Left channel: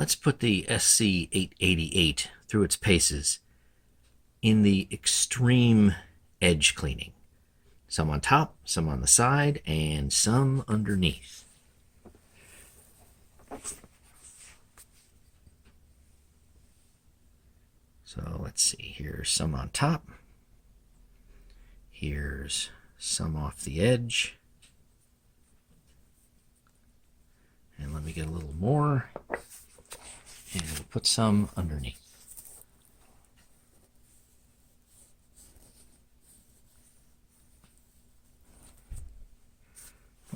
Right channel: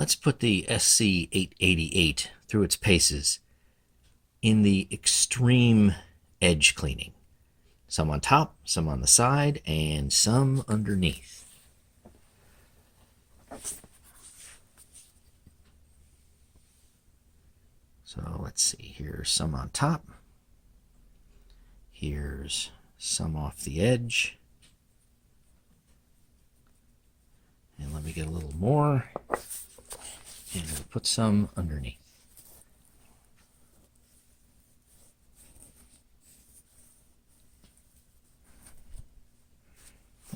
Let's put the SC888 through its paces in the extreme edge cleaning. Some on top, some on the side, and some underneath. So let's see, here's some on top. Here's some off the edge. And let me get a little more. And we'll put some underneath.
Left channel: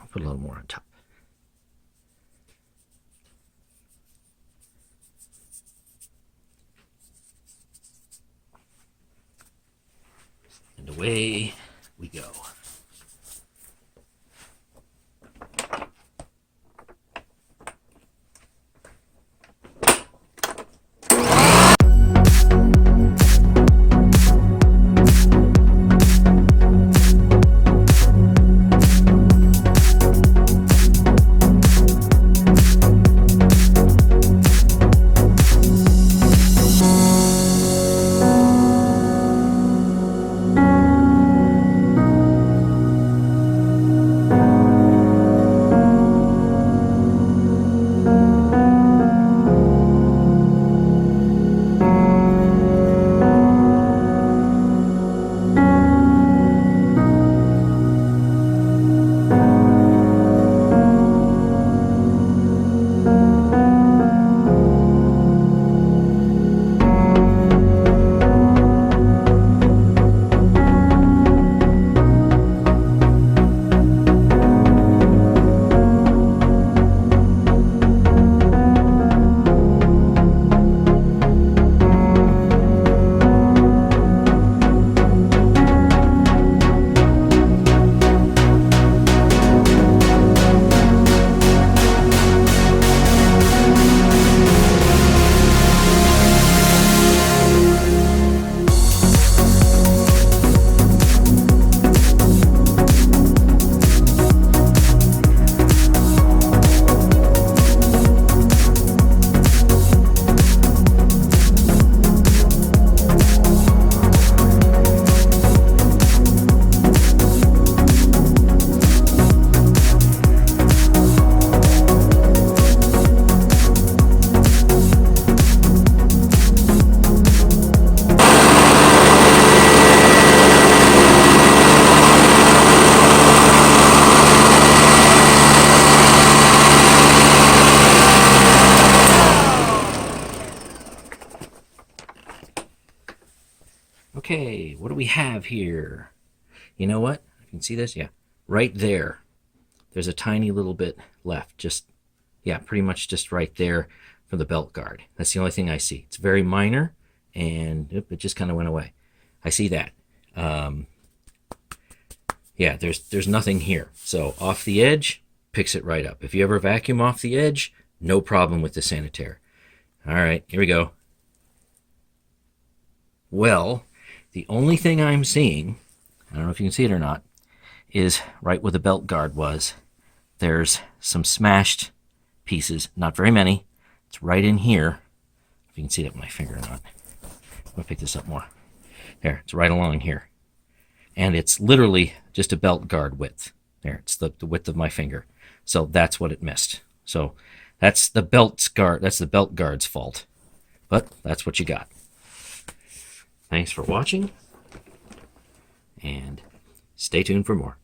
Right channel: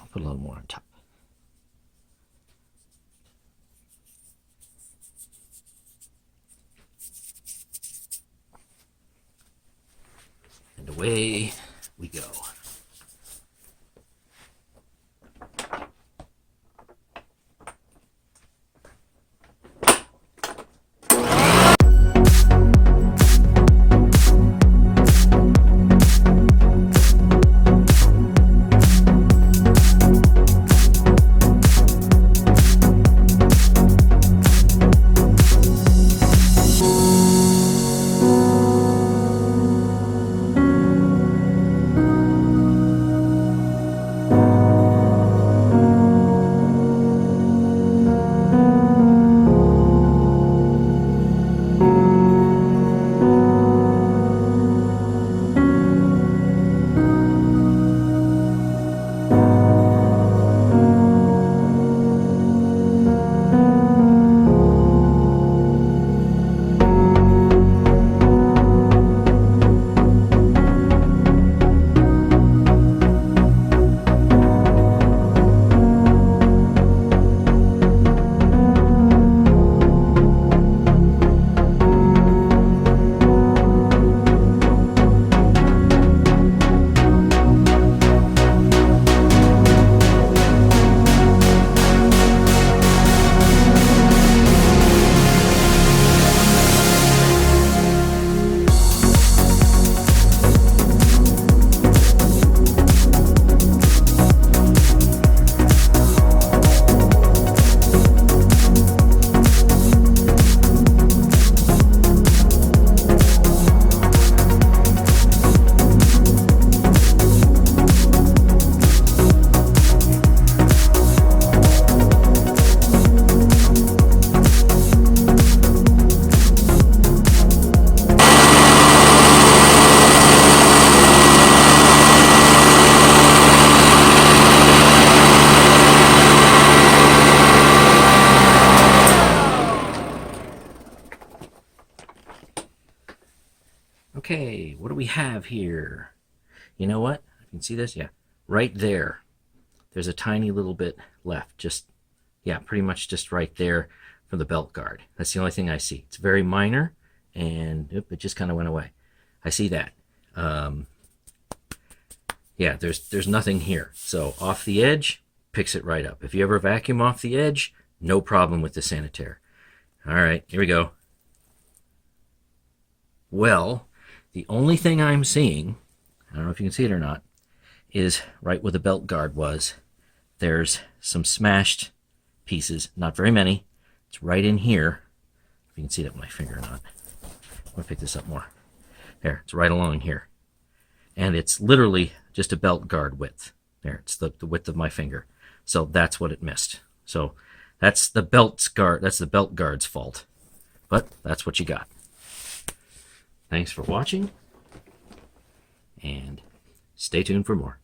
I'll put a little more on top. And away we go. Okay, what do we have here? You know what? You can see this? Yeah, right there. There's a tiny little bit left. Just, yeah, pretty much just right there for the belt guard. That's the only thing I see. It's very minor, and it just kind of went away. I see that. Yeah, there's nothing here. So off the edge, picks it right up. If you ever vacuum off the edge, no problem with the Sanitaire. All right, here we go. Well, the only thing I'm seeing, I don't know if you can see it or not, is right where the belt guard was. There's some smashed pieces, not very many. It's right in here. If you can see that with my finger or not. I'm going to pick this up more. There, it's right along here. And it's literally just a belt guard width. There, it's the width of my finger. So that's what it missed. So that's the belt guard's fault. But that's what you got. Thanks for watching, and stay tuned for more.